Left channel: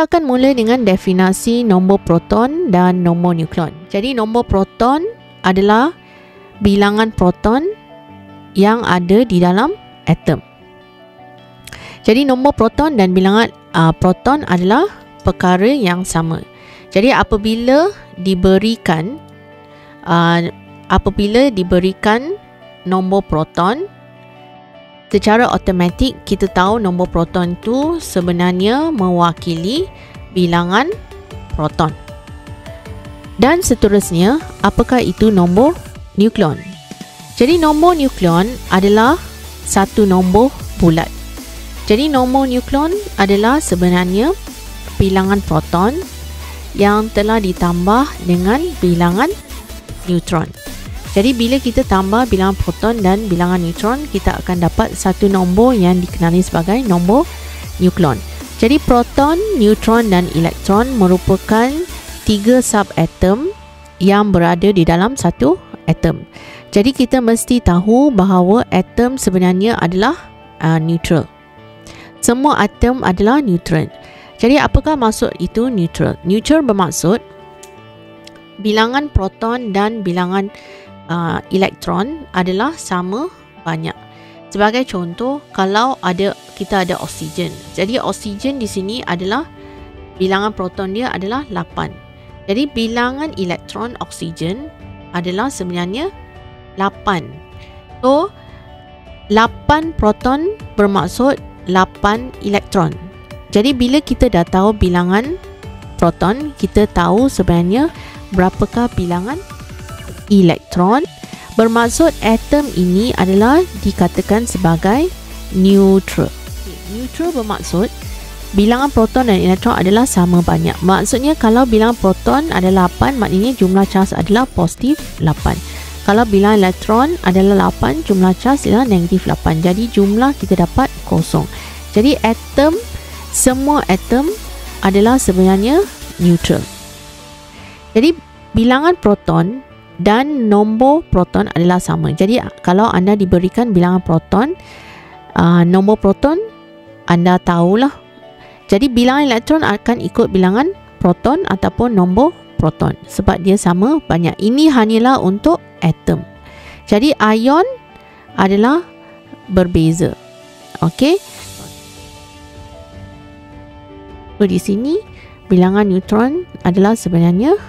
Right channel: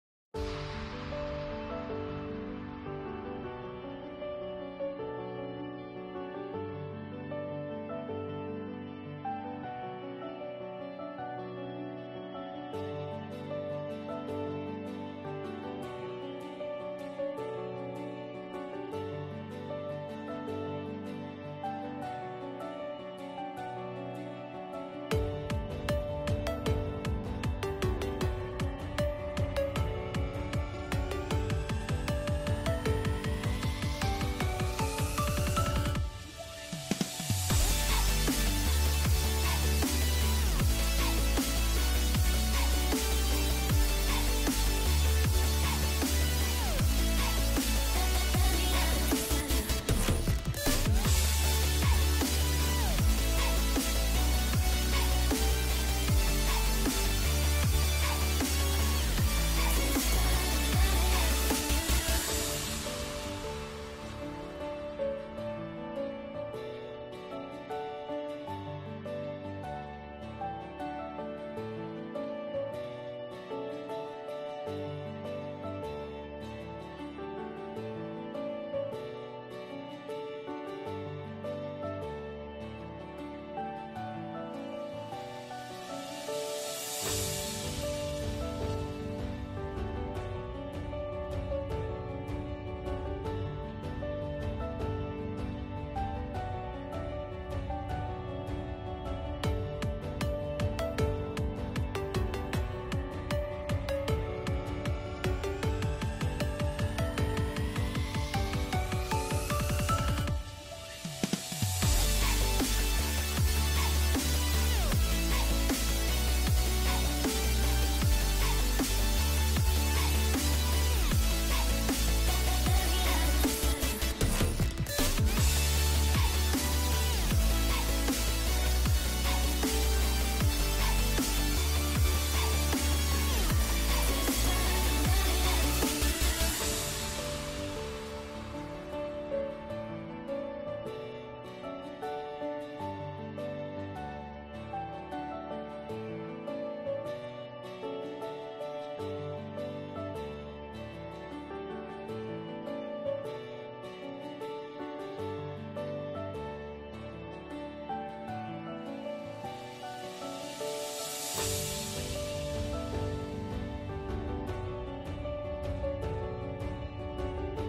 Kita akan mula dengan definisi nombor proton dan nombor nukleon. Jadi nombor proton adalah bilangan proton yang ada di dalam atom. Jadi nombor proton dan bilangan proton adalah perkara yang sama. Jadi apabila diberikan nombor proton, secara automatik kita tahu nombor proton itu sebenarnya mewakili bilangan proton. Dan seterusnya, apakah itu nombor nukleon? Jadi nombor nukleon adalah satu nombor bulat. Jadi nombor nukleon adalah sebenarnya bilangan proton yang telah ditambah dengan bilangan neutron. Jadi bila kita tambah bilangan proton dan bilangan neutron, kita akan dapat satu nombor yang dikenali sebagai nombor nukleon. Jadi proton, neutron dan elektron merupakan 3 subatom yang berada di dalam satu atom. Jadi kita mesti tahu bahawa atom sebenarnya adalah neutral. Semua atom adalah neutral. Jadi apakah maksud itu neutral? Neutral bermaksud bilangan proton dan bilangan elektron adalah sama banyak. Sebagai contoh, kalau kita ada oksigen. Jadi oksigen di sini adalah bilangan proton dia adalah 8. Jadi bilangan elektron oksigen adalah sebenarnya 8. So 8 proton bermaksud 8 elektron. Jadi bila kita dah tahu bilangan proton, kita tahu sebenarnya berapakah bilangan elektron. Bermaksud atom ini adalah dikatakan sebagai neutral. Neutral bermaksud bilangan proton dan elektron adalah sama banyak. Maksudnya kalau bilangan proton adalah 8, maknanya jumlah charge adalah positif 8. Kalau bilangan elektron adalah 8, jumlah charge adalah negatif 8. Jadi jumlah kita dapat kosong. Jadi semua atom adalah sebenarnya neutral. Jadi bilangan proton dan nombor proton adalah sama. Jadi kalau anda diberikan bilangan proton, nombor proton anda tahulah. Jadi bilangan elektron akan ikut bilangan proton ataupun nombor proton sebab dia sama banyak. Ini hanyalah untuk atom. Jadi ion adalah berbeza. Okey. So di sini bilangan neutron adalah sebenarnya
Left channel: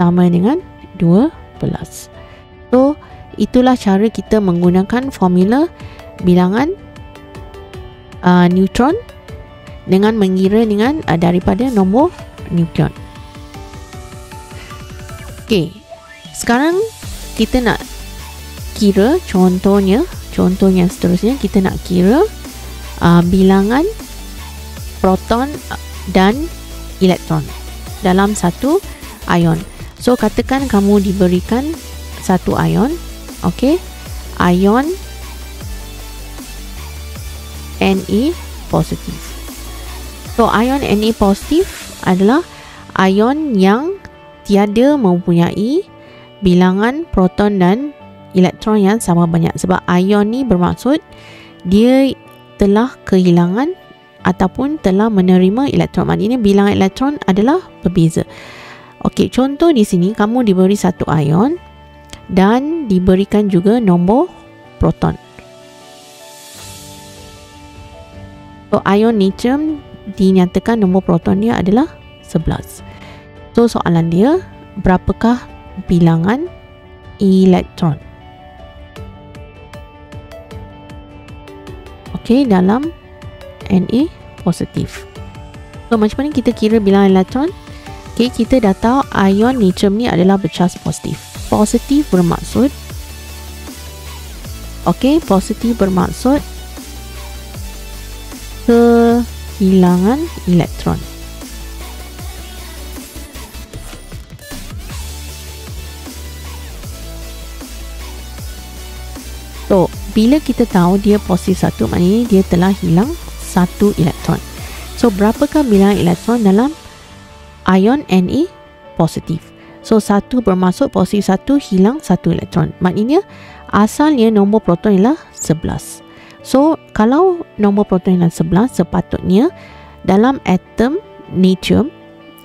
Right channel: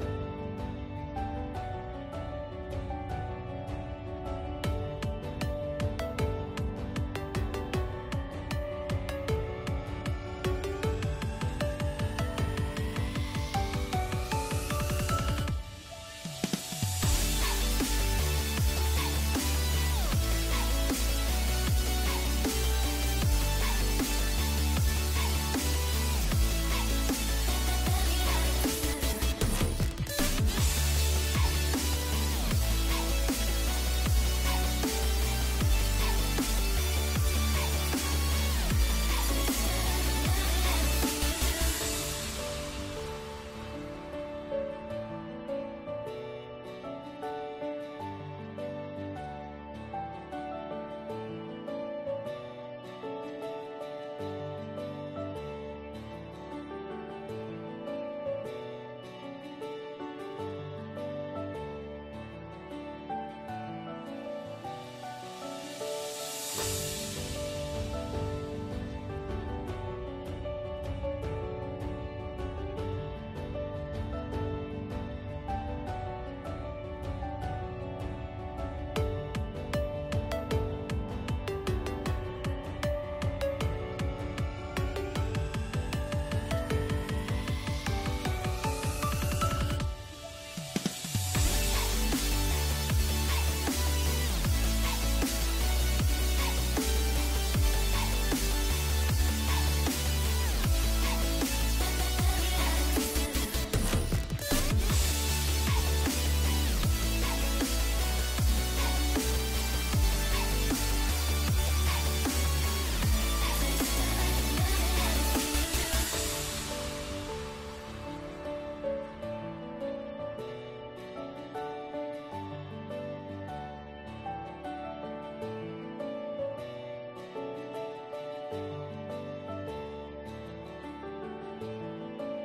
sama dengan 12. So itulah cara kita menggunakan formula bilangan neutron dengan mengira dengan daripada nombor nukleon. Okey. Sekarang kita nak kira contohnya seterusnya kita nak kira bilangan proton dan elektron dalam satu ion. So katakan kamu diberikan satu ion, okey, ion Na positif. So ion Na positif adalah ion yang tiada mempunyai bilangan proton dan elektron yang sama banyak. Sebab ion ni bermaksud dia telah kehilangan ataupun telah menerima elektron. Maknanya bilangan elektron adalah berbeza. Okey, contoh di sini kamu diberi satu ion dan diberikan juga nombor proton. So ion natrium dinyatakan nombor protonnya adalah 11. So soalan dia, berapakah bilangan elektron? Okey, dalam Na positif. So macam mana kita kira bilangan elektron? Okey, kita dah tahu ion natrium ni adalah bercharge positif. Positif bermaksud kehilangan elektron. So bila kita tahu dia positif 1, maknanya dia telah hilang 1 elektron. So berapakah bilangan elektron dalam ion Na positif? So 1 bermaksud positif 1 hilang 1 elektron. Maknanya asalnya nombor proton ialah 11. So kalau nombor proton ialah 11, sepatutnya dalam atom natrium,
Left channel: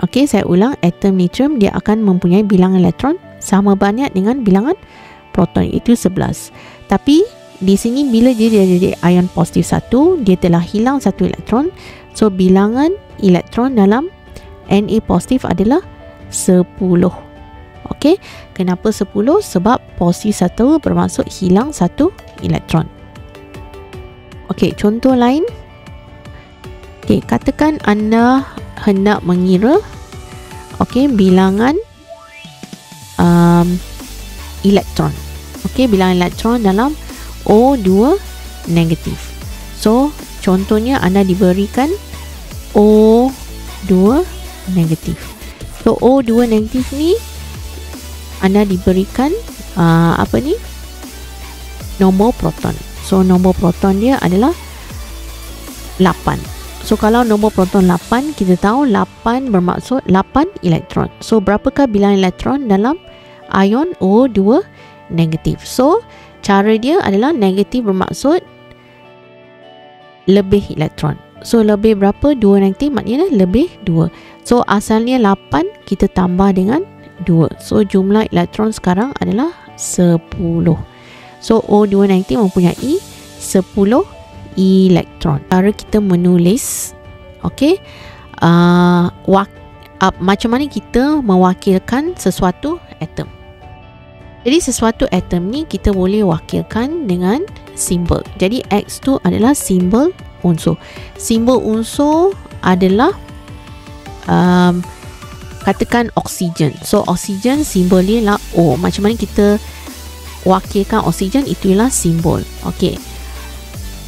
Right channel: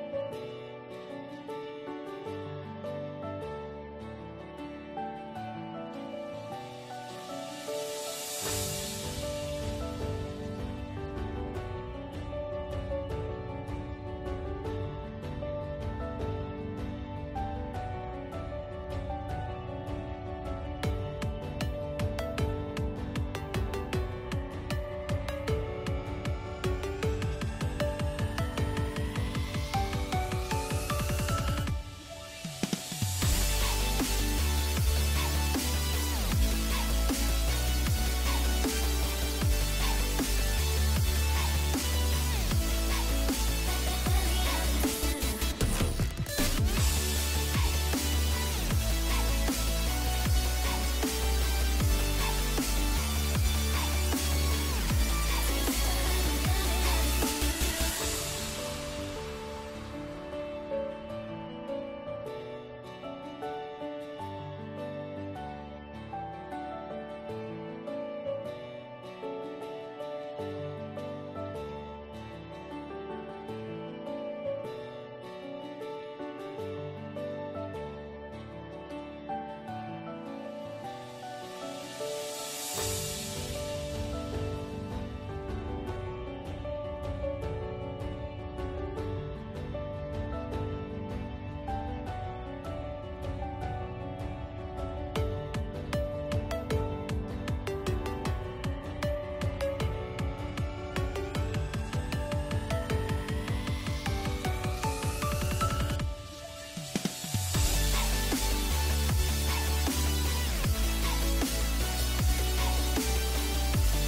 okey, saya ulang, atom natrium dia akan mempunyai bilangan elektron sama banyak dengan bilangan proton, itu 11. Tapi di sini bila dia jadi ion positif 1, dia telah hilang 1 elektron. So bilangan elektron dalam Na positif adalah 10. Okey, kenapa 10? Sebab positif 1 bermaksud hilang 1 elektron. Okey, contoh lain. Okey, katakan anda hendak mengira bilangan elektron. Okey, bilangan elektron dalam O2 negatif. So, contohnya anda diberikan O2 negatif. So, O2 negatif ni anda diberikan nombor proton. So, nombor proton dia adalah 8. So, kalau nombor proton 8, kita tahu 8 bermaksud 8 elektron. So, berapakah bilangan elektron dalam ion O2 negatif? So, cara dia adalah negatif bermaksud lebih elektron. So, lebih berapa? 2 negatif maknanya lebih 2. So, asalnya 8 kita tambah dengan 2. So, jumlah elektron sekarang adalah 10. So, O2 negatif mempunyai 10 elektron. Cara kita menulis, macam mana kita mewakilkan sesuatu atom. Jadi sesuatu atom ni kita boleh wakilkan dengan simbol. Jadi X tu adalah simbol unsur. Simbol unsur adalah katakan oksigen. So oksigen simbol dia lah O. Macam mana kita wakilkan oksigen, itulah simbol. Okey.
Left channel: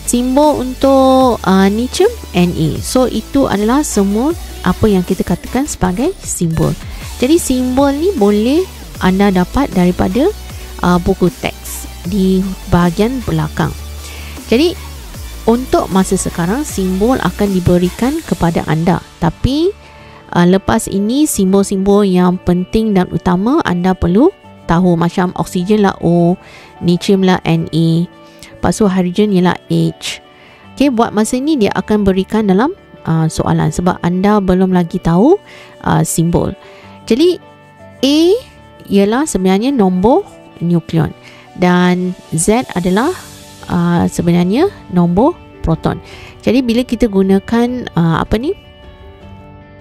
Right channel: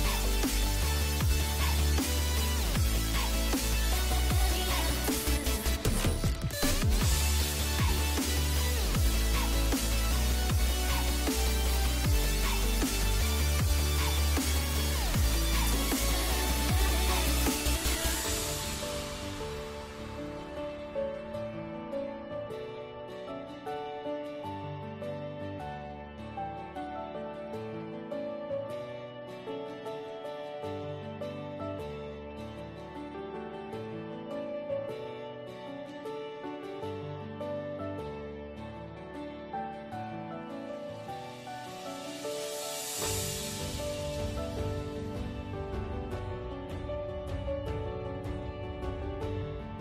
Simbol untuk natrium Na. So itu adalah semua apa yang kita katakan sebagai simbol. Jadi simbol ni boleh anda dapat daripada buku teks di bahagian belakang. Jadi untuk masa sekarang simbol akan diberikan kepada anda. Tapi lepas ini simbol-simbol yang penting dan utama anda perlu tahu. Macam oksigen lah O, natrium lah Na, lepas tu hidrogen ialah H. Okey, buat masa ini dia akan berikan dalam soalan sebab anda belum lagi tahu simbol. Jadi A ialah sebenarnya nombor nukleon dan Z adalah sebenarnya nombor proton. Jadi bila kita gunakan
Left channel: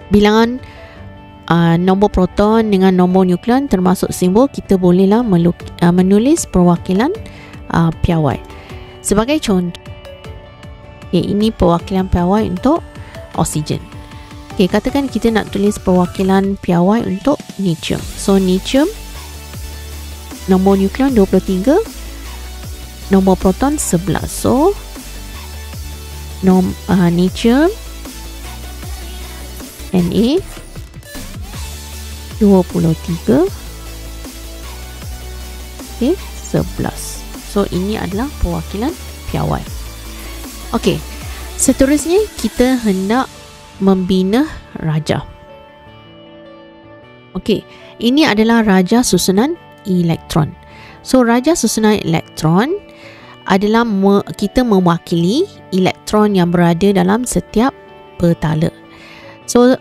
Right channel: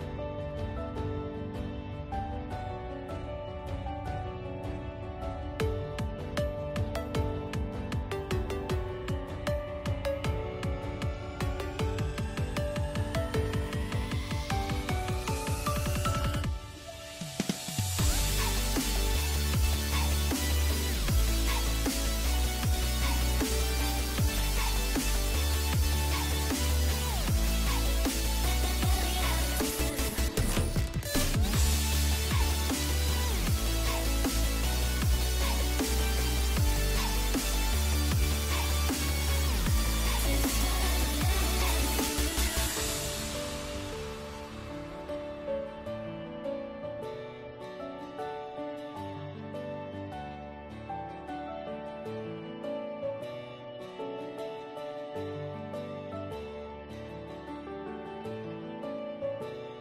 bilangan nombor proton dengan nombor nukleon termasuk simbol, kita bolehlah menulis perwakilan piawai. Sebagai contoh, ini perwakilan piawai untuk oksigen. Katakan kita nak tulis perwakilan piawai untuk natrium. So natrium nombor nukleon 23, nombor proton 11. So natrium Na 23, 11. So ini adalah perwakilan piawai. Okey, seterusnya kita hendak membina raja. Okey, ini adalah raja susunan elektron. So raja susunan elektron adalah kita mewakili elektron yang berada dalam setiap petala. So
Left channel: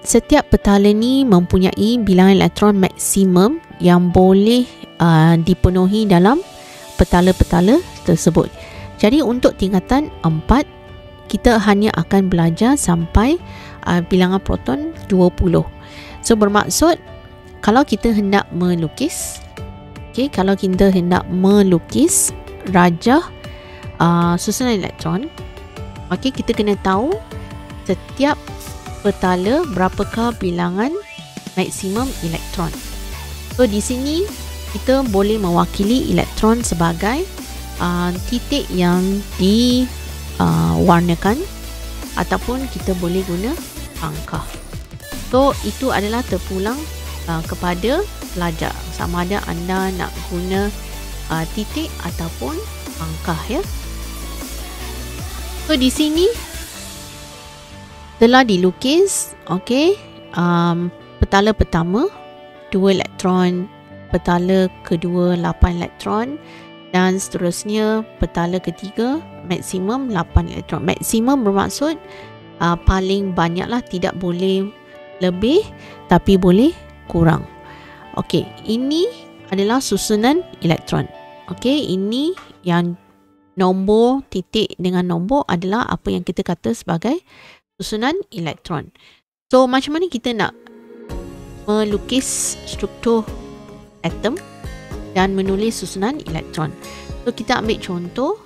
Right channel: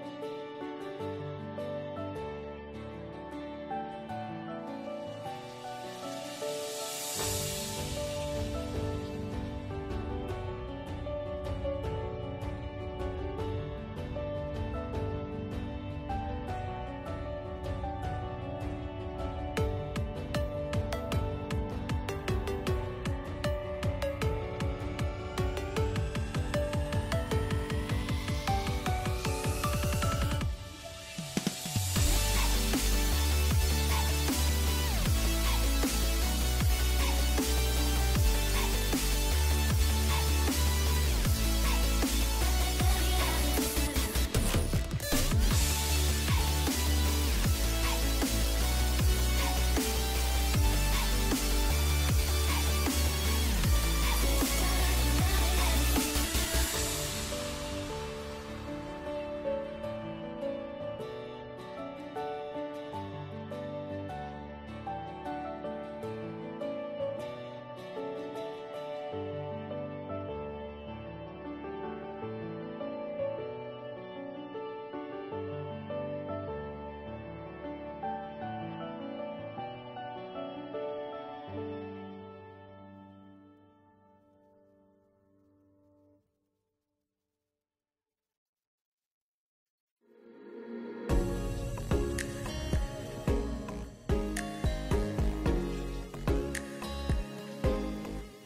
setiap petala ni mempunyai bilangan elektron maksimum yang boleh dipenuhi dalam petala-petala tersebut. Jadi untuk tingkatan 4 kita hanya akan belajar sampai bilangan proton 20. So bermaksud kalau kita hendak melukis, kalau kita hendak melukis raja susunan elektron, kita kena tahu setiap petala berapakah bilangan maksimum elektron. So di sini kita boleh mewakili elektron sebagai titik yang diwarnakan ataupun kita boleh guna angka. So itu adalah terpulang kepada pelajar sama ada anda nak guna titik ataupun angka, ya. So di sini telah dilukis petala pertama 2 elektron, petala kedua 8 elektron dan seterusnya petala ketiga maksimum 8 elektron. Maksimum bermaksud paling banyak lah, tidak boleh lebih tapi boleh kurang. Okey, ini adalah susunan elektron. Okey, ini yang nombor titik dengan nombor adalah apa yang kita kata sebagai susunan elektron. So macam mana kita nak melukis struktur atom dan menulis susunan elektron? So kita ambil contoh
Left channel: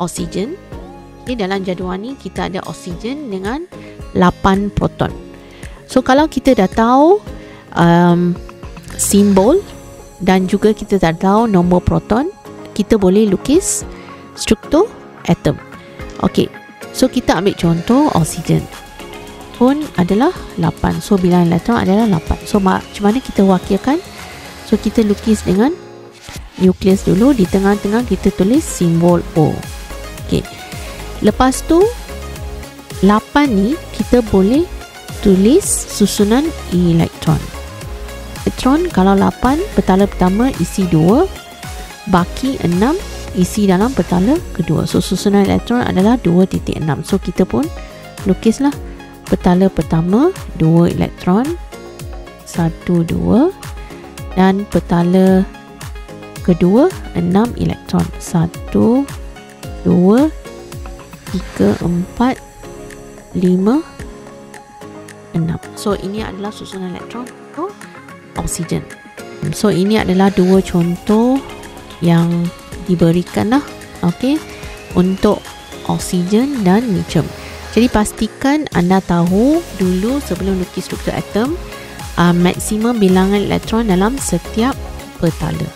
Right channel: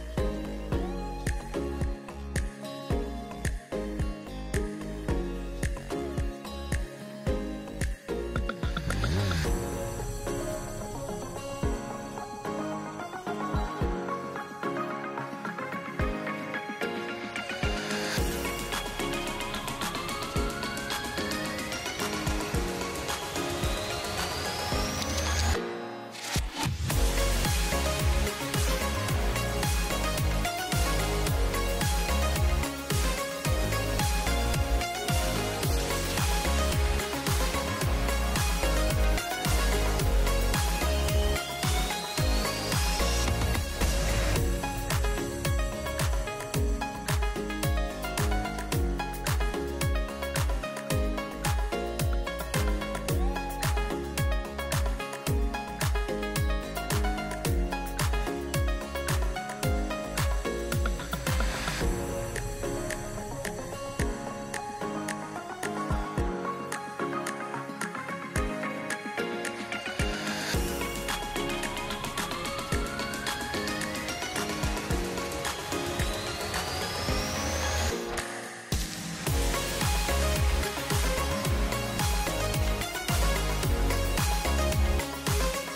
oksigen. Okay, dalam jadual ni kita ada oksigen dengan 8 proton. So kalau kita dah tahu simbol dan juga kita dah tahu nombor proton, kita boleh lukis struktur atom. Okey, so kita ambil contoh oksigen pun adalah 8. So bilangan elektron adalah 8. So macam mana kita wakilkan? So kita lukis dengan nukleus dulu. Di tengah-tengah kita tulis simbol O. Okey, lepas tu 8 ni kita boleh tulis susunan elektron. Elektron kalau 8, petala pertama isi 2, baki 6 isi dalam petala kedua. So susunan elektron adalah 2.6. So kita pun lukislah petala pertama 2 elektron, 1 2, dan petala kedua 6 elektron, 1 2 3 4 5 6. So ini adalah susunan elektron untuk oksigen. So ini adalah dua contoh yang diberikan lah, okey, untuk oksigen dan lithium. Jadi pastikan anda tahu dulu sebelum lukis struktur atom maksimum bilangan elektron dalam setiap petala.